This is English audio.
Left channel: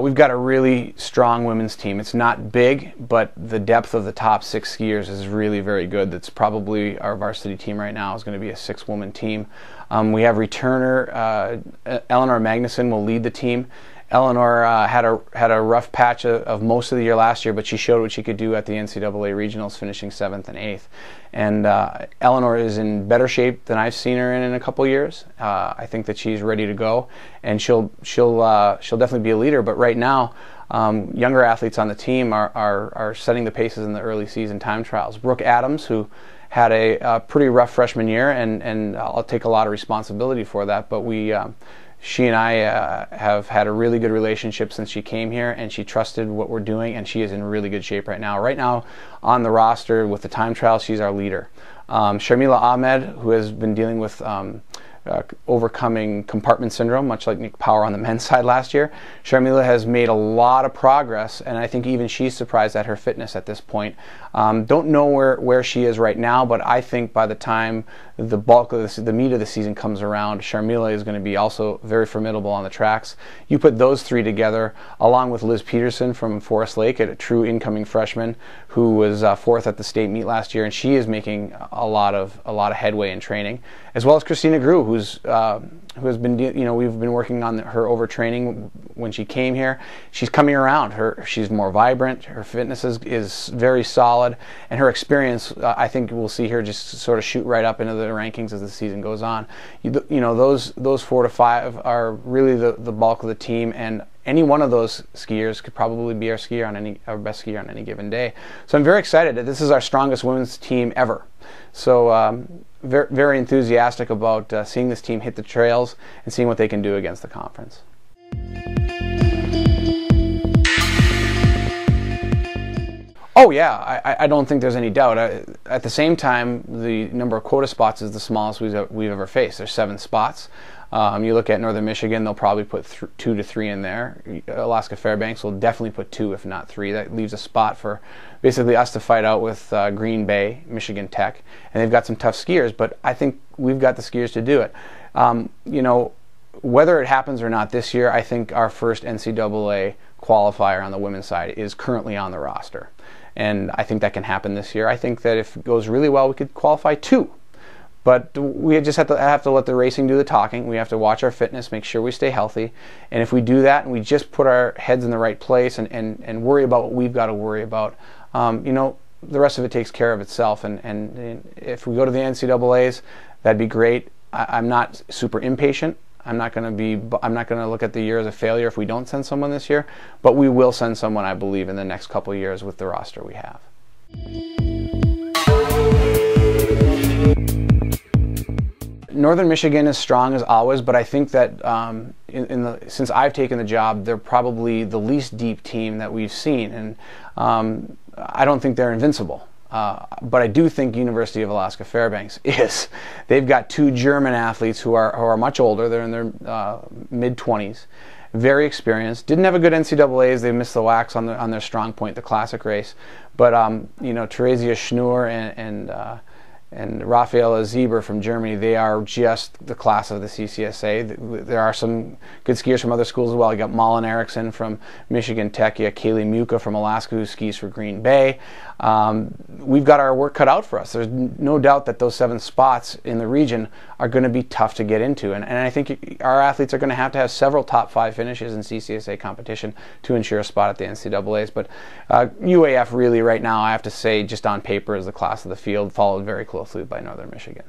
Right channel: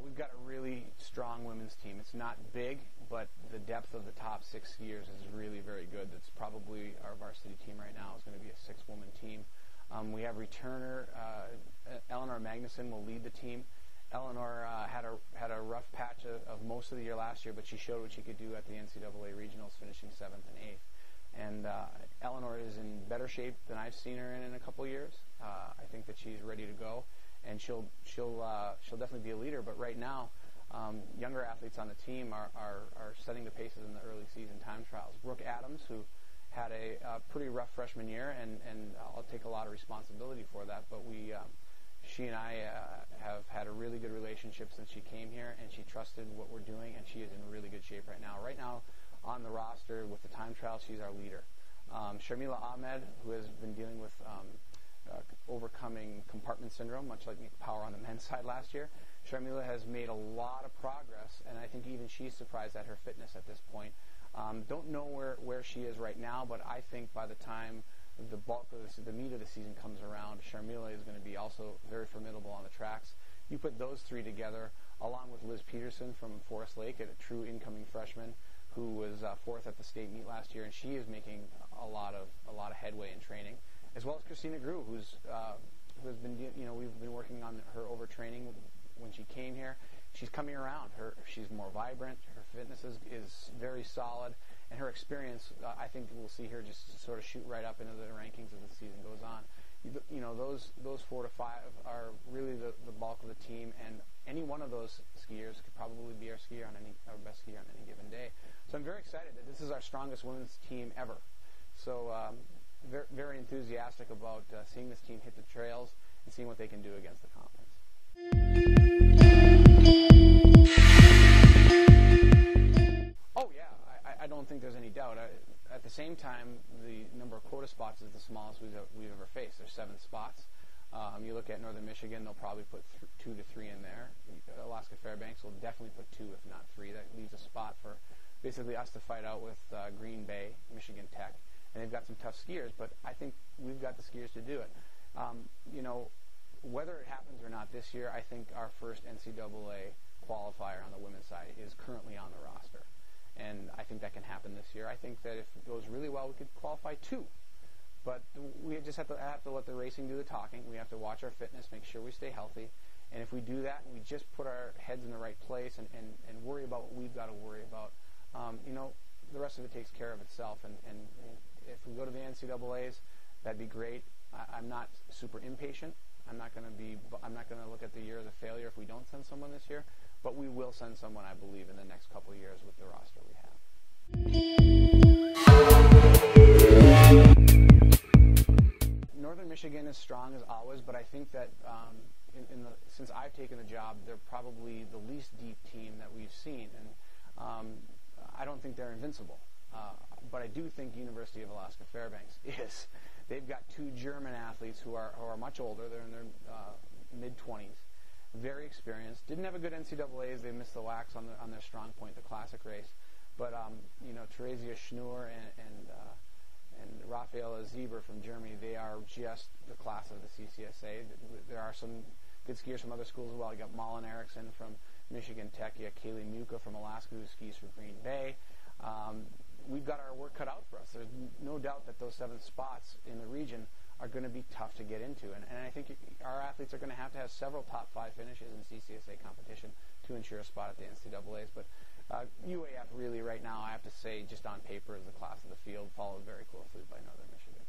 We've got a really strong women's team. It's not big, but the depth of the top 6 skiers is really very good. That's probably our varsity team right now is going to be a 6-woman team. We have returner Eleanor Magnuson will lead the team. Eleanor had a rough patch of most of the year last year, but she showed what she could do at the NCAA regionals, finishing 7th and 8th. And Eleanor is in better shape than I've seen her in a couple years. I think that she's ready to go, and she'll definitely be a leader. But right now, younger athletes on the team are setting the paces in the early season time trials. Brooke Adams, who had a pretty rough freshman year, and I'll take a lot of responsibility for that. But she and I have had a really good relationship since she came here, and she trusted what we're doing, and she is in really good shape right now. Right now, on the roster with the time trial, she's our leader. Sharmila Ahmed, who has been dealing with overcoming compartment syndrome, much like Nick Power on the men's side last year. Sharmila has made a lot of progress, and I think even she's surprised at her fitness at this point. Don't know where she is right now, but I think by the time the bulk of the meat of the season comes around, Sharmila is going to be also very formidable on the tracks. You put those 3 together, along with Liz Peterson from Forest Lake, a true incoming freshman who was 4th at the state meet last year, and she is making a lot of headway in training, as well as Christina Grew, who has been, we've been working on her overtraining when she came here. She's coming around. She's more vibrant. Her fitness is very solid, and her experience, I think we'll see her just sort of shoot right up into the rankings as the season goes on. Those 4 to 5 are really the bulk of the team, and any one of those skiers could probably be our best skier on any given day. So I'm very excited that this is our strongest women's team ever. So very, very enthusiastic about seeing this team hit the trails and seeing what they can do against the conference. Oh yeah, I don't think there's any doubt. At the same time, the number of quota spots is the smallest we've ever faced. There's 7 spots. You look at Northern Michigan, they'll probably put 2 to 3 in there. Alaska Fairbanks will definitely put 2, if not 3. That leaves a spot for basically us to fight out with Green Bay, Michigan Tech, and they've got some tough skiers, but I think we've got the skiers to do it. Whether it happens or not this year, I think our first NCAA qualifier on the women's side is currently on the roster, and I think that can happen this year. I think that if it goes really well, we could qualify 2. But we just have to let the racing do the talking. We have to watch our fitness, make sure we stay healthy. And if we do that and we just put our heads in the right place and worry about what we've got to worry about, the rest of it takes care of itself. And if we go to the NCAAs, that'd be great. I'm not super impatient. I'm not going to look at the year as a failure if we don't send someone this year. But we will send someone, I believe, in the next couple of years with the roster we have. Northern Michigan is strong as always, but I think that since I've taken the job, they're probably the least deep team that we've seen, and I don't think they're invincible. But I do think University of Alaska Fairbanks is. They've got 2 German athletes who are much older. They're in their mid-20s, very experienced. Didn't have a good NCAAs. They missed the wax on their strong point, the classic race. But Theresia Schnur and Rafaela Zieber from Germany, they are just the class of the CCSA. There are some good skiers from other schools as well. You got Malin Erickson from Michigan Tech. You got Kaylee Muka from Alaska, who skis for Green Bay. We've got our work cut out for us. There's no doubt that those 7 spots in the region are going to be tough to get into. And I think our athletes are going to have several top 5 finishes in CCSA competition to ensure a spot at the NCAAs. But UAF really right now, I have to say, just on paper, is the class of the field, followed very closely by Northern Michigan.